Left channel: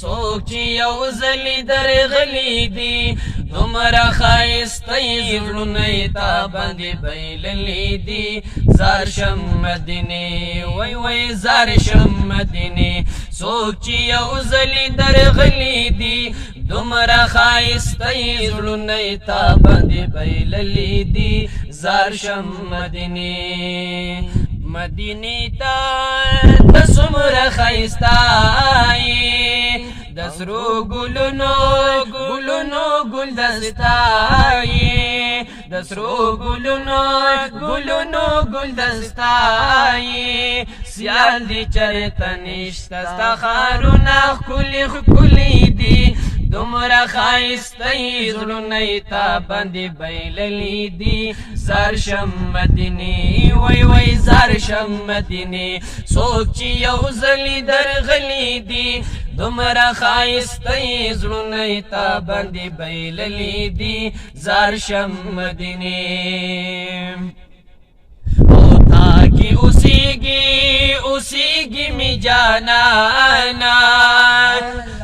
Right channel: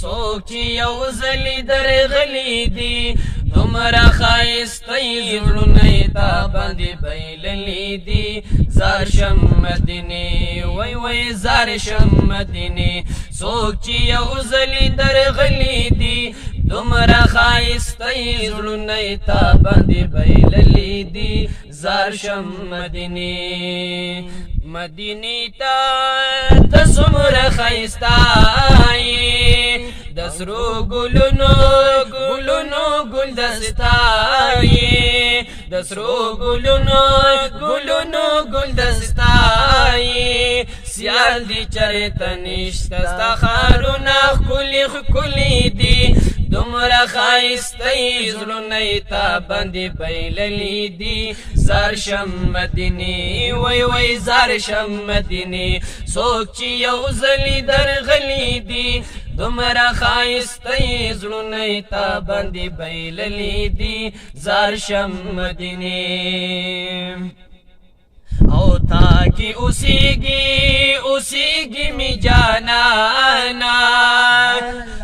څوک چې یو ځلې درغلي دي دومره ښایسته زړونه یې تا باندې بایللي دي زار شم مدینې وای وای زار شم مدینې څوک چې یو ځلې درغلي دي دومره ښایسته زړونه یې تا باندې بایللي دي زار شم مدینې مدینې ته د څومره ښایسته د سرو ګلونو ګلونو ګلدسته د سرو ګلونو ګلونو ګلدسته سیال دي چرته نشته ستا ښارونه ښکلي ښکلي دي دومره ښایسته زړونه یې تا باندې بایللي دي زار شم مدینې وای وای زار شم مدینې څوک چې یو ځلې درغلي دي دومره ښایسته زړونه یې تا باندې بایللي دي زار شم مدینې او تا کی اوسیږي می جانانا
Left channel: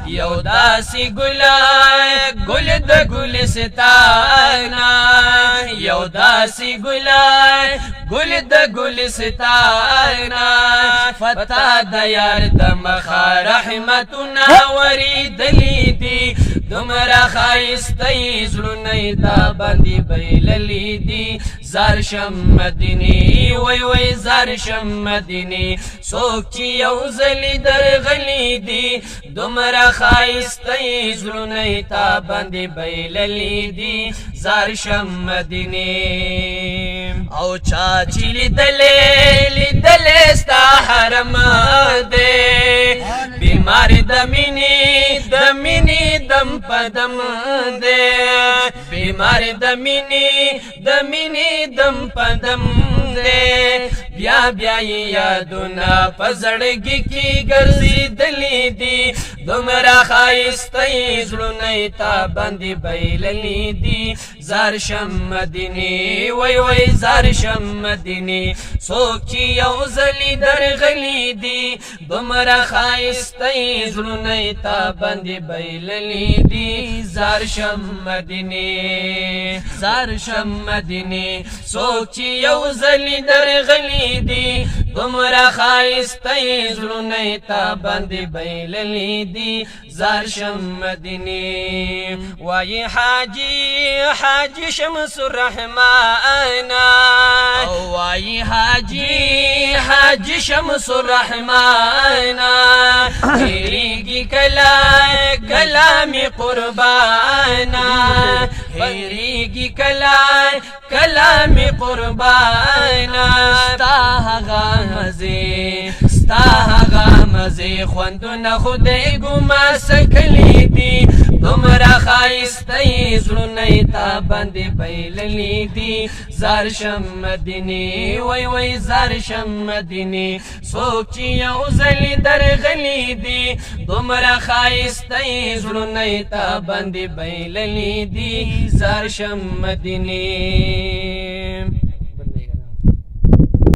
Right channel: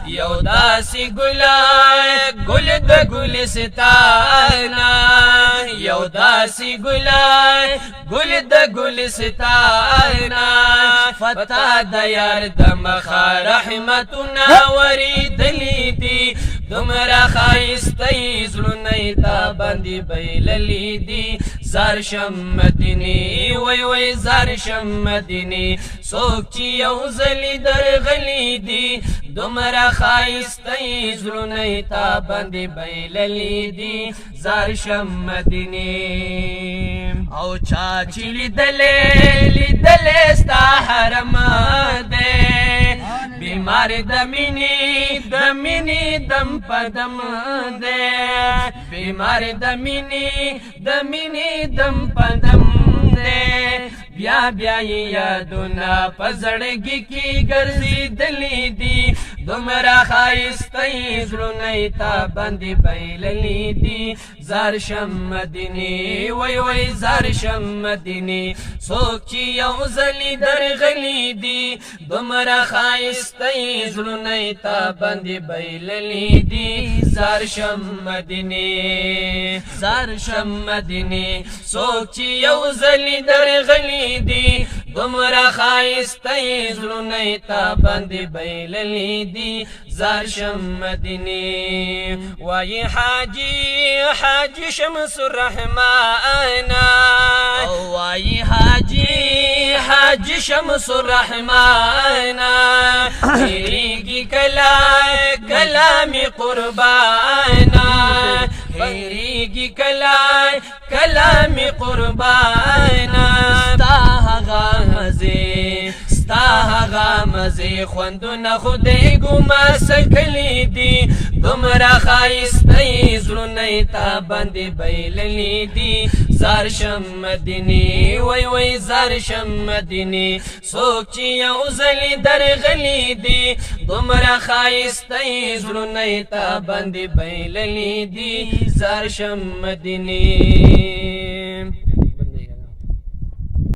یو داسې ګل د ګلستانا یو داسې ګل د ګلستانا فتا د یار د مخه رحمتونه ورېدلي دي دومره ښایسته زړونه یې تا باندې بایللي دي زار شم مدینې وای وای زار شم مدینې څوک چې یو ځلې درغلي دي دومره ښایسته زړونه یې تا باندې بایللي دي زار شم مدینې او چا چې لیدلې ستا حرم دی بیمار د مینې دم په دم دی بیمار د مینې دم په دم دی بیا بیا یادونه په زړګي کې ګرځېدلي دي دومره ښایسته زړونه یې تا باندې بایللي دي زار شم مدینې وای وای زار شم مدینې څوک چې یو ځلې درغلي دي دومره ښایسته زړونه یې تا باندې بایللي دي زار شم مدینې زار شم مدینې څوک چې یو ځلې درغلي دي دومره ښایسته زړونه یې تا باندې بایللي دي زار شم مدینې وایي حاجي شمس الرحمن وایي حاجي شمس الرحمن هېرېږي کله مې قربانا هېرېږي کله مې قربانا ستا هغه مزې خوندونه خدای ګما سکلي دي دومره ښایسته زړونه یې تا باندې بایللي دي زار شم مدینې وای وای زار شم مدینې څوک چې یو ځلې درغلي دي دومره ښایسته زړونه یې تا باندې بایللي دي زار شم مدینې زار شم مدینې څوک چې یو ځلې درغلي دي دومره ښایسته زړونه یې تا باندې بایللي دي زار شم مدینې وای وای زار شم مدینې څوک چې یو ځلې درغلي دي دومره ښایسته زړونه یې تا باندې بایللي دي زار شم مدینې